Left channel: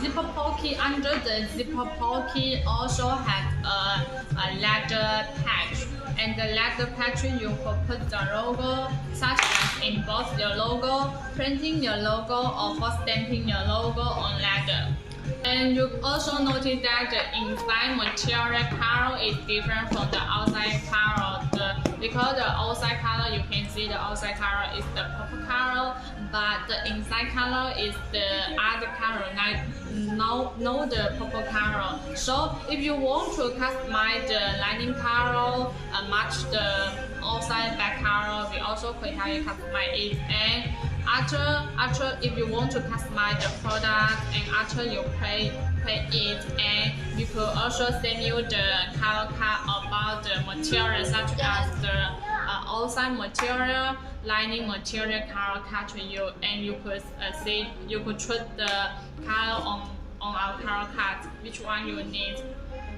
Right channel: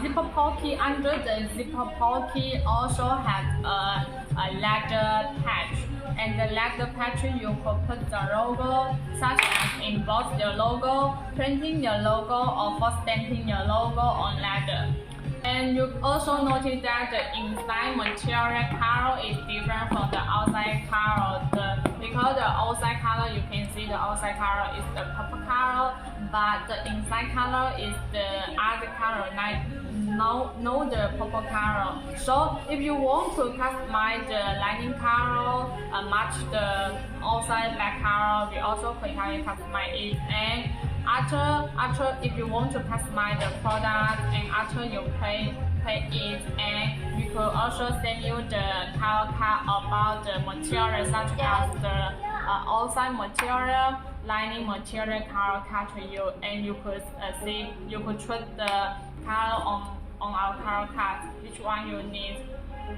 zipper pocket. Under the zipper pocket also has a leather patch. And the leather patch you could put the logo, such as emboss your logo, printing your logo, or for stamping your logo on leather. And you also notice that the inside material color is different from the outside color. Because the outside color, you can see the outside color is the purple color, but the inside color is the other color, like no the purple color. So if you want to customize the lining color, match the outside back color, we also could help you customize it. And after if you want to customize the product, and after you pay it, and you could also send you the color card about the material, such as the outside material, lining material color card to you, and you could choose the color on our color card, which one you need.